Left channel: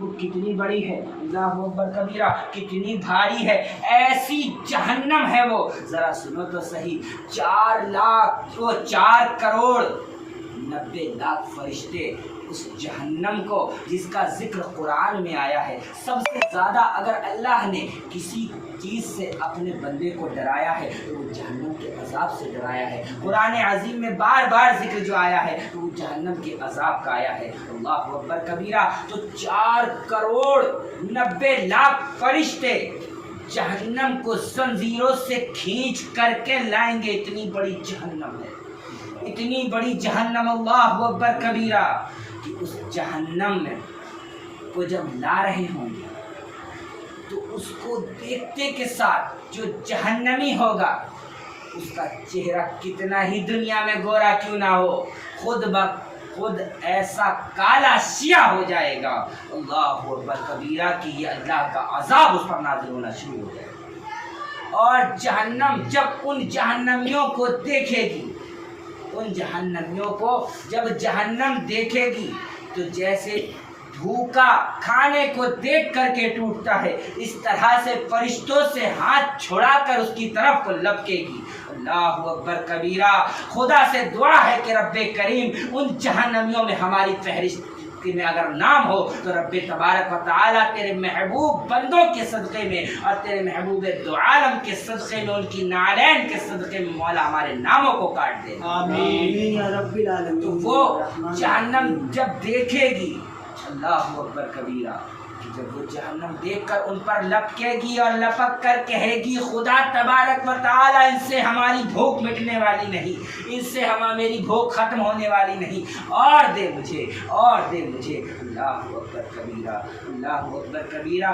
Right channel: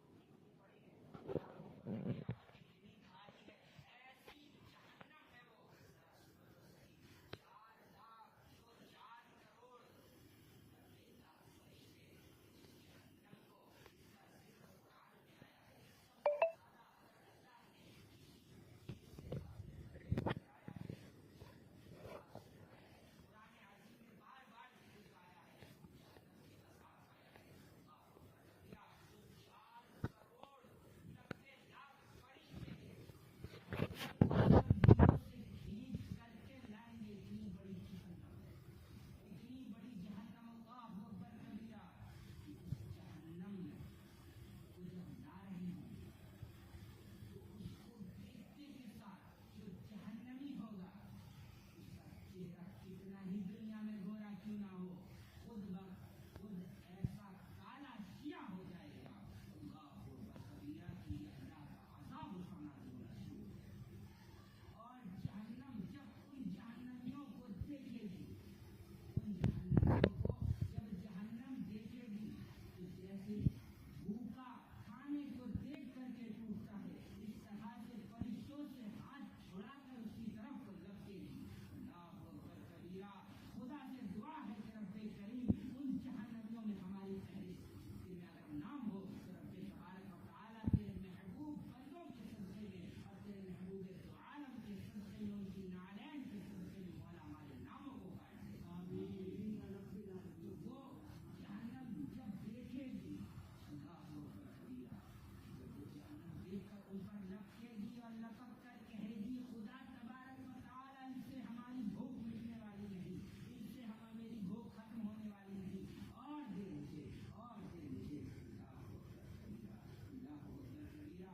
وہ کتنی بڑی ہے، اللہ اکبر کبیرہ، کتنی بھاری ہے، ایسی جہنم ہے وہ. ذرا سنو تو صحیح، 4,90,00,000 فرشتے اس جہنم کو، جس کا ذکر قرآن میں آیا ہے. سب سے زیادہ اگر اللہ نے کسی چیز سے اپنے بندے کو ڈرایا ہے تو وہ جہنم کے عذاب سے ڈرایا ہے. قرآن عظیم میں بار بار ذکر جو آیا ہے تو وہ جہنم کے عذاب کا آیا ہے. اللہ اکبر کبیرہ. تو 4,90,00,000 فرشتے جہنم کو زنجیروں سے کھینچ کر کے لائیں گے. اتنی بڑی جہنم ہے، اتنی بڑی جہنم. اللہ اکبر کبیرہ. کہ اس جہنم میں کو جب لا رہے ہوں گے تو اس کو دیکھتے کے ساتھ جو جہنمی ہوگا اس کا چہرہ کتنا ہی دنیا میں گورا کیوں نہ ہو، خود ایسا کالا سیاہ ہو جائے گا. اللہ اکبر کبیرہ کہ یہ اللہ کا عذاب اس پر نازل ہونا شروع ہو جائے گا. اور جہنم جب ان جہنمیوں کو دیکھے گی، ان جہنمیوں کو جب جہنم دیکھے گی تو جیسے بھوکا کھانے کو دیکھ کر کے ٹوٹتا ہے، اس طرح سے فرشتوں سے ہاتھ چھڑا کر اس کی طرف کو لپکے گی. اللہ اکبر کبیرہ. خدا سے دعا ہے کہ رب کریم ان جہنمیوں میں ہماری فہرست میں اگر نام ہو تو رب تبارک و تعالیٰ تیرے محبوب بندوں کے صدقے میں اور تیرے محبوب دو عالم کے صدقے میں، ان کی نالین کے صدقے میں مولا ہمارے ناموں کو کاٹ دے. آمین یا رب العالمین. تو وہ جہنم جب دیکھے گی، اللہ اکبر کبیرہ، کہ جب وہ جہنم دیکھ کر ان پر لپکے گی اور لپک کر کہے گی خدا تبارک و تعالیٰ ان سے ہماری بھوک مٹنے والی نہیں، ان سے میری بھوک ختم ہونے والی نہیں، اور دے مجھے، اور دے مجھے. اللہ اکبر کبیرہ. اللہ اکبر کبیرہ.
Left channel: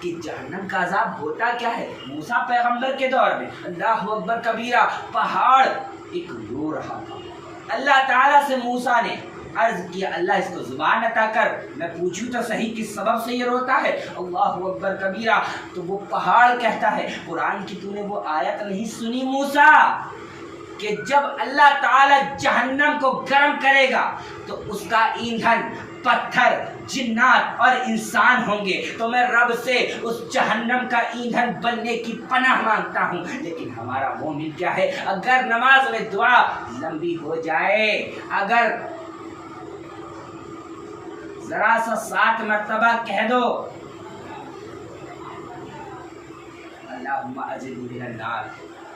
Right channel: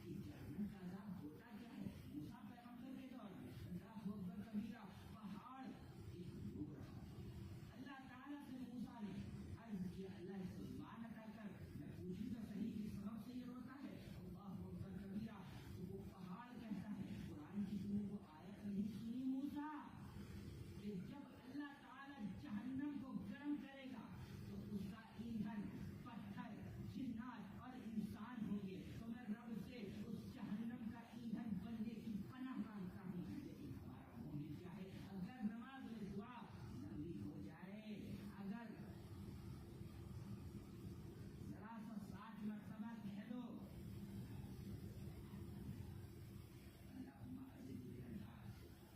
کہ جہنم کا عذاب ہوتا کیا ہے؟ موسیٰ پیغمبر کے دور میں اللہ اکبر کبیرہ پہاڑ ایک رو رہا تھا. اللہ تعالیٰ سے موسیٰ نے عرض کیا اللہ اس کو زبان عطا کر، میں پوچھوں تو صحیح کس سبب سے یہ روتا ہے. اللہ اکبر کبیرہ. تو وہ پہاڑ کہتا ہے قرآن کی تو نے وہ آیت نہیں سنی موسیٰ کہ جب اللہ تعالیٰ جہنم کو گرم کرے گا تو اس کا ایندھن پتھر، جنات اور انسان ہوں گے، تو میں رب سے اس جہنم کا ایندھن بننے کی پناہ مانگتا ہوں. لیکن ہمارا مومن کیا ہے، اگر نماز میں دعا لمبی ہو جائے، اگر ذرا سا 7 مرتبہ کہہ دو اللہم اجرنی من النار،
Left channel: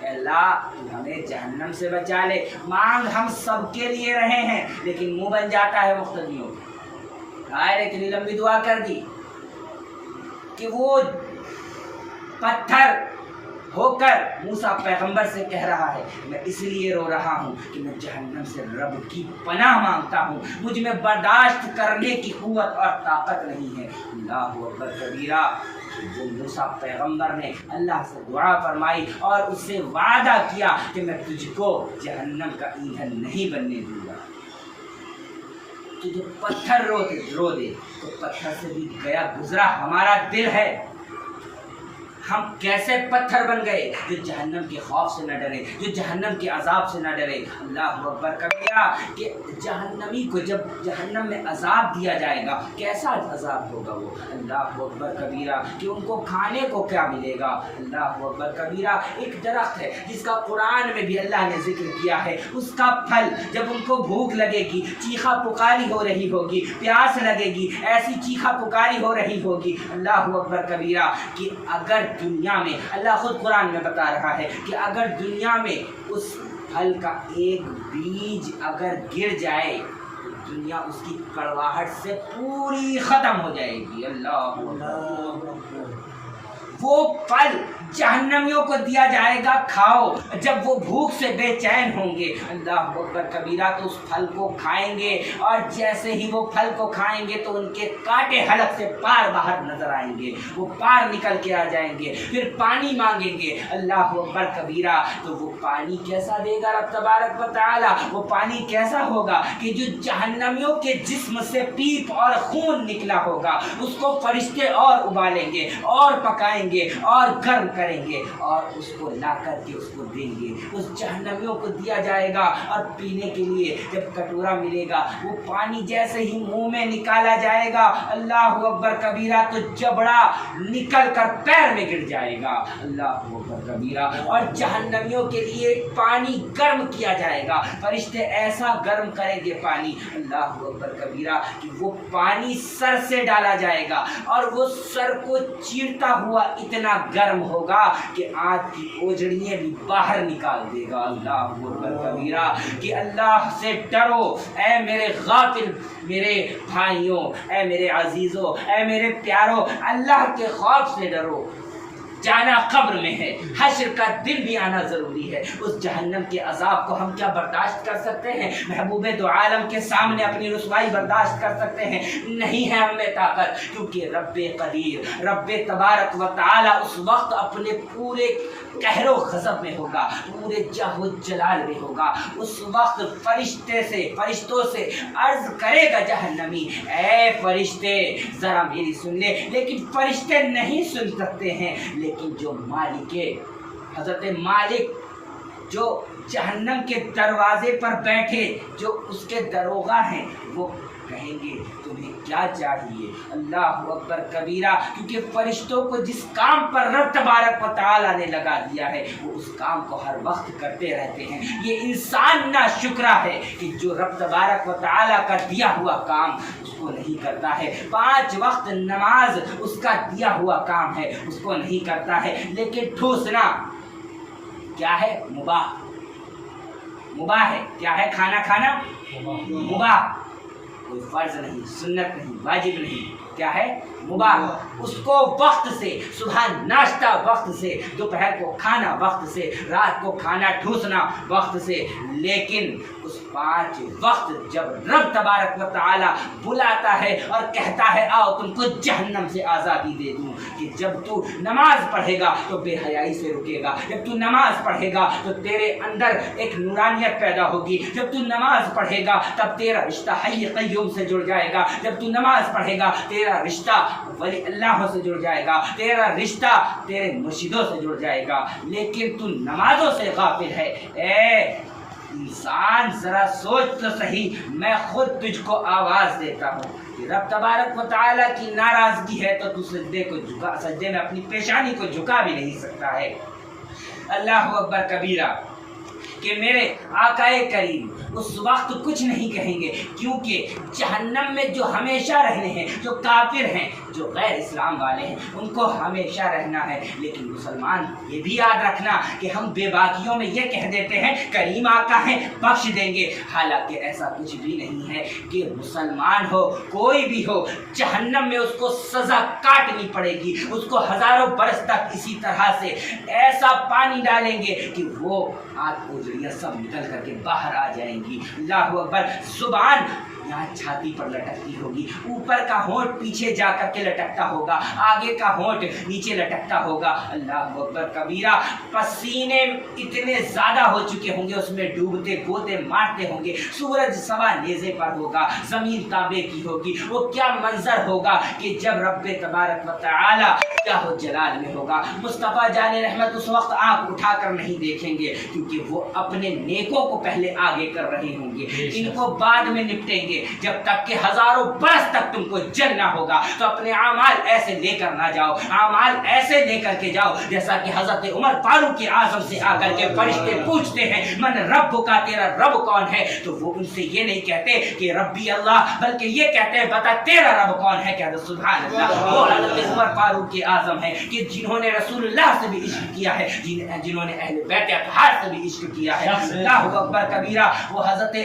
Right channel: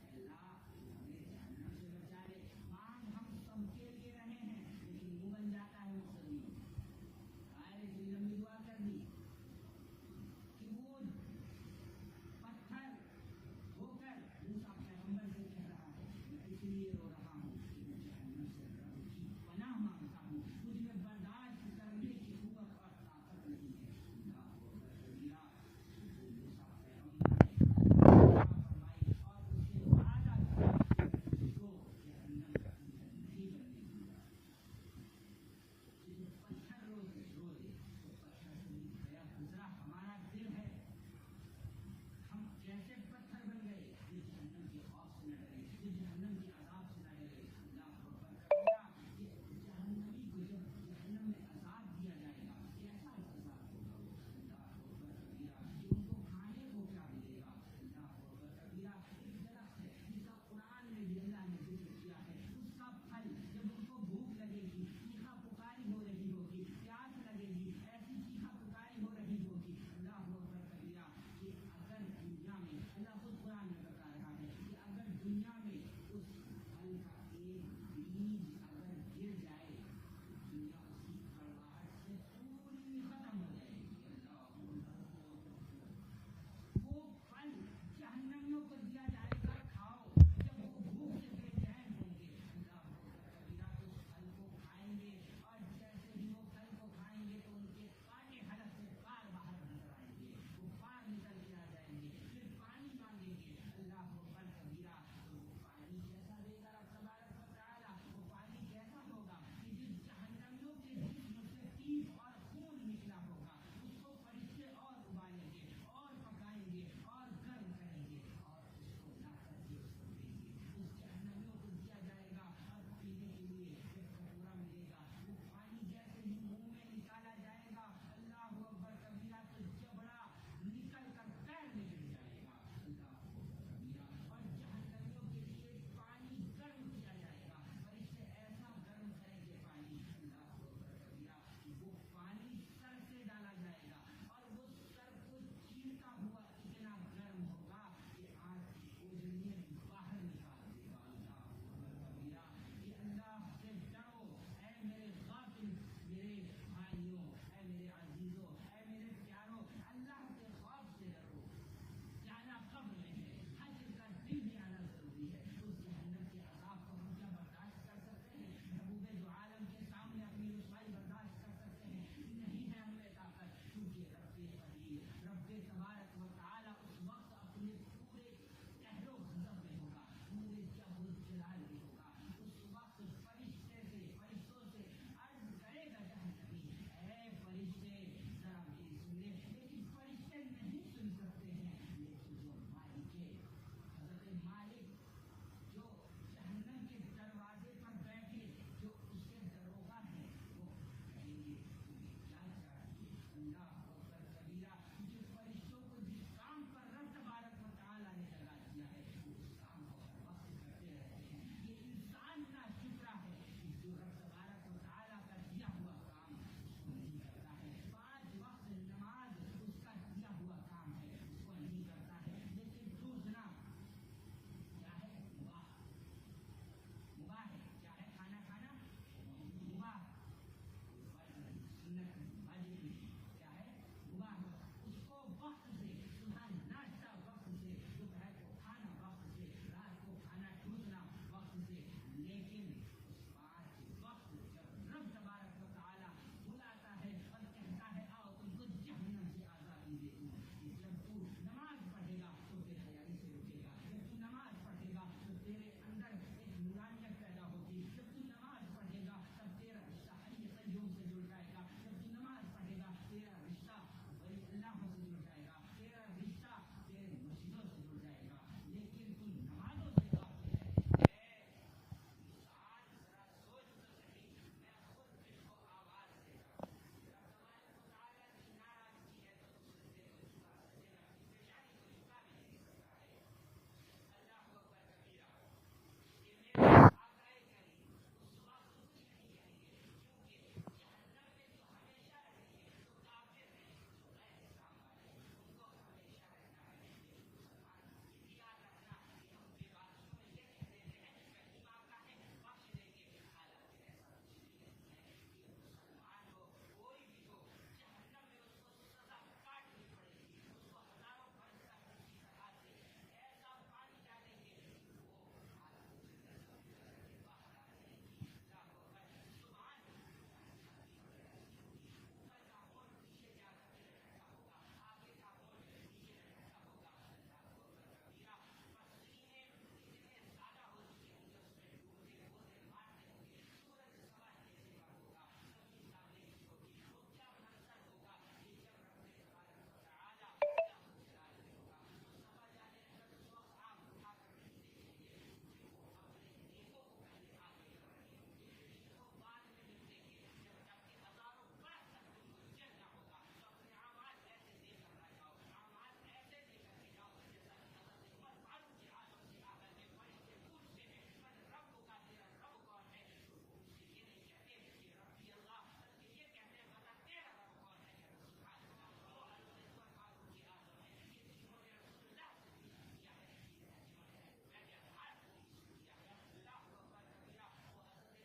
اے اللہ تو ہمیں جہنم سے بچا لے. مانگ ہم سب کے لیے رہے ہیں لیکن منہ بن جاتا ہے مقتدیوں. اتنی لمبی دعا کر دی کہ وہ پتھر ہو کر موسیٰ پیغمبر سے کہہ رہا ہے میں اس لیے رو رہا ہوں کہ میں جہنم سے رب کی پناہ مانگتا ہوں، مجھ میں برداشت کرنے کی قوت اور طاقت نہیں ہے. اللہ اکبر کبیرہ. وہ موسیٰ پیغمبر نے اللہ سے دعا فرمائی اور اس سے وعدہ کیا کہ میں تجھ کو جہنم کا ایندھن نہیں بننے دوں گا. تو جو پتھر رو دے تو پتھر سے بھی گیا گزرا ہمارا دل ہے. ہم کیسے پتھر بن گئے جو جہنم کے خوف سے نہ ڈرے، جو جہنم کے عذاب سے نہ ڈرے. اللہ اکبر کبیرہ. کہ جہنمی کو جب جہنم میں عذاب دیا جائے گا کیسا عذاب ہوگا وہ. اللہ اکبر کبیرہ. کہ ان کو کھانے کو کیا ملے گا. اللہ اکبر کبیرہ. ایک درخت ہے جس کا قرآن میں بھی اللہ نے ذکر کیا ہے، اس کا پھل جب ان کو بھوک لگے گی، چیخا پکاری ہو رہی ہوگی، پیاس لگے گی، ایسی چیخا پکاری ہو رہی ہوگی. اللہ اکبر کبیرہ. کہ اگر دنیا میں اللہ خود قرآن میں بتا رہا ہے کہ اگر دنیا میں اس پھل کا ایک بیج اگر گر جائے تو دنیا اس کی کڑواہٹ سے پوری ختم ہو جائے گی. اللہ وہ پھل جہنمیوں کو دیا جائے گا کھاؤ. جب وہ بھوک سے بے چین ہوں گے اللہ اکبر کبیرہ تو اس پھل کو کھائیں گے، اور جیسے ہی وہ پھل کو کھائیں گے تو ان کے کانٹے حلق سے پار باہر نظر آئیں گے، وہ پار نکل کے آ جائیں گے. پھر پانی مانگیں گے اللہ اکبر کبیرہ تو وہ پانی کیسا دے گا رب تبارک و تعالی. وہ پانی کیسا ہوگا کہ جو جہنمیوں کے جسم سے پیپ اور خون نکلا ہوگا اس کو فرشتے اور ابالیں گے اور پکائیں گے اور گرم کریں گے اور اس کو لا کر کے اس کو دیں گے. اس جہنمیوں کو دیا جائے گا اور پینے کے لیے جب کٹورا ملے گا وہ پانی جیسے ہی منہ میں نکالا جائے گا اللہ اکبر کبیرہ تو جبڑا نکل کر پیر میں گر جائے گا اللہ اکبر کبیرہ. اور جہنمیوں کے لیے پانی گرم کیا جائے گا. فرشتے ایسا گرم کریں گے پانی اللہ اکبر کبیرہ کہ وہ پانی سر سے ڈالا جائے گا اور وہ سر کو چیرتا ہوا اتنا گرم ہوگا کہ آنکھ کی اوجڑیاں بھی باہر نکال دے گا اللہ اکبر کبیرہ. کہ اللہ سے ڈرو اے میرے غافل میرے بھائیوں، اے میرے عزیزوں، اے میرے پیاروں، اللہ کے خوف سے ڈرو. جانا قبر میں ہے، حشر کا دن بھی آنا ضروری ہے. اس جہنم کے عذاب کو ہم کیا برداشت کر سکتے ہیں؟ محبوب دو عالم کے سامنے اپنی رسوائی برداشت کر سکتے ہیں؟ نہیں ہے ہم میں طاقت. کیونکہ رب قدیر، رب تبارک و تعالی اس وقت اپنے پورے قہر و غضب میں ہوگا، پورے جاہ و جلال میں ہوگا. اس وقت فرشتوں سے عرض کرے گا جہنمی، اے فرشتے ذرا میری سن لے. لیکن فرشتے نہیں سن سکتے ہیں. لیکن جو مالک حضرت مالک جو جہنم کے دروازے پر بیٹھے جو اس کے دروغہ ہیں وہ کہیں گے تمہیں کیا چاہیے اللہ اکبر کبیرہ. کیونکہ فرشتوں کو جس کام پر رب تبارک و تعالی نے لگا دیا ہے وہ اس کام کو ہر وقت کرتے رہتے ہیں. یہ انسان نا شکرہ ہے کہ جو رب تبارک و تعالی کا دیا ہوا کام اس کو نہیں کرتا ہے. 5 وقت نماز اس کا دیا ہوا کام ہے، اس کو نہیں کرتا ہے. لیکن ٹھوسنا کیا ہے؟ مباح ہے. کیا ہے؟ کھانا کھانا مباح، کوئی فرض نہیں، سنت نہیں، واجب نہیں. کیا ہے؟ مباح. اس کو وقت سے، صبح ناشتہ وقت سے، دوپہر کو کھانا وقت سے، رات کو کھانا ٹھوسنا وقت سے. لیکن اس 5 وقت جب رب تبارک و تعالی بلاتا ہے اور کہتا ہے آؤ تم کو جہنم سے آزادی دے دوں، کہ جب تو نماز پڑھے گا تو بے حیائی سے رکے گا، جب تو نماز پڑھے گا تو تیرے اندر ایک نورانیت پیدا ہوگی، جب تو نماز پڑھے گا تب تیرا رشتہ حی قیوم سے جڑ جائے گا، جب تو نماز پڑھے گا تیرا رشتہ ولی اللہ سے جڑ جائے گا، تیرا رشتہ تیرے مرشدوں سے جڑ جائے گا. لیکن تو نمازوں سے غافل ہے. اے انسان ذرا سوچ تو صحیح. میں خود تجھ کو آواز دیتا ہوں کہ رب تبارک و تعالیٰ کی ناراضگی ہے تو تو سجدے میں اپنی پیشانی کو جھکا بھی نہیں سکتا ہے. اللہ اکبر کبیرہ. کہ میرے آقا کریم اس وقت کچھ نہیں کہیں گے، کیونکہ جہنم میں جو ہمیشہ رہنے ہیں، جو کافر ہیں، جو غیر اسلام والے ہیں، ان کو ہمیشہ رہنا ہے. لیکن مسلمان یہ بھی یاد رکھنا کہ ہم بے باکیوں میں یہ کہہ دیتے ہیں کریم آقا ہیں بخش دیں گے. حالانکہ ایسا کچھ بھی نہیں ہے. کہ مسلمان ہو کوئی بھی ہو جہنم میں اس کو سزا کاٹنی پڑے گی. اس کو ہزاروں برس تک اسی طرح سے ایسا پانی ڈالیں گے کہ وہ آنکھ اوجڑیاں سب نکل کر کے باہر آ جائیں گی. اللہ اکبر. زبان یہاں چھاتی پر لٹکتی ہوگی، اوپر کا ہونٹ پیچھے جا کر کے لٹکتا ہوگا، آگے کا ہونٹ نیچے لٹکتا ہوگا. اللہ اکبر کبیرہ. پسینے اتنے زیادہ ہو چکے ہوں گے اس میں ڈوبتے گوتے مارتے ہوں گے. سورج سوا نیزے پر ہوگا، زمین تانبے کی ہوگی. وہ کیا منظر ہوگا کہ جب رب تبارک و تعالی کیا ہو جلال میں ہوگا. مصطفیٰ جان رحمت اس وقت آنکھ اٹھا کر نہیں دیکھیں گے، کیونکہ وہ اپنے نیکوں کو پہلے آگے کر رہے ہوں گے، ان کو بعد میں نپٹیں گے. جب تک کہ ہزاروں برس تک تم کو جلنا ہوگا تو اپنے اعمال ایسے لے کر نہ جاؤ. اعمال ایسے لے کر کے جاؤ جیسا کہ حضرت عمر فاروق اعظم سے آ کر کے فرشتے پوچھتے ہیں من رب کا، تیرا رب کون ہے؟ تو وہ ان سے یہ نہیں کہتے کہ ربی اللہ، بلکہ یہ کہتے ہیں بتا تیرا رب کون ہے. کہتے سبحان اللہ. وہ حضرت عمر فاروق اعظم ہے کہ جنہوں نے رسول اللہ سے بھی عشق کیا ہے، جنہوں نے اہل بیت اطہار سے بھی عشق کیا ہے. اللہ اکبر کبیرہ. وہ حضرت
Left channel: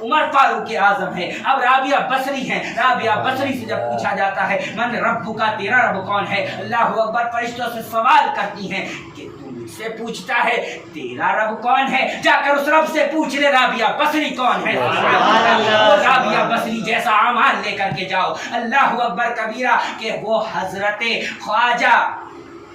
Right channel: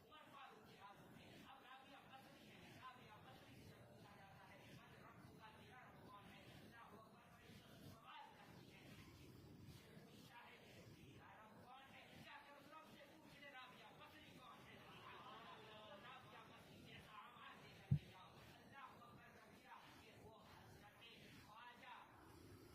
عمر فاروق اعظم ہے. اب رابعہ بصری ہیں. رابعہ بصری سے جب پوچھا جاتا ہے من رب کا، تیرا رب کون ہے؟ اللہ اکبر. فرشتوں سے سوال کرتی ہیں کہ تو مجھ سے پوچھتا ہے تیرا رب کون ہے، جا کر اس رب سے پوچھ لے رابعہ بصری کون ہے. وہ رابعہ بصری جیسا اعمال لے کر کے جاؤ. اللہ اکبر کبیرہ. کہ وہ حضرت خواجہ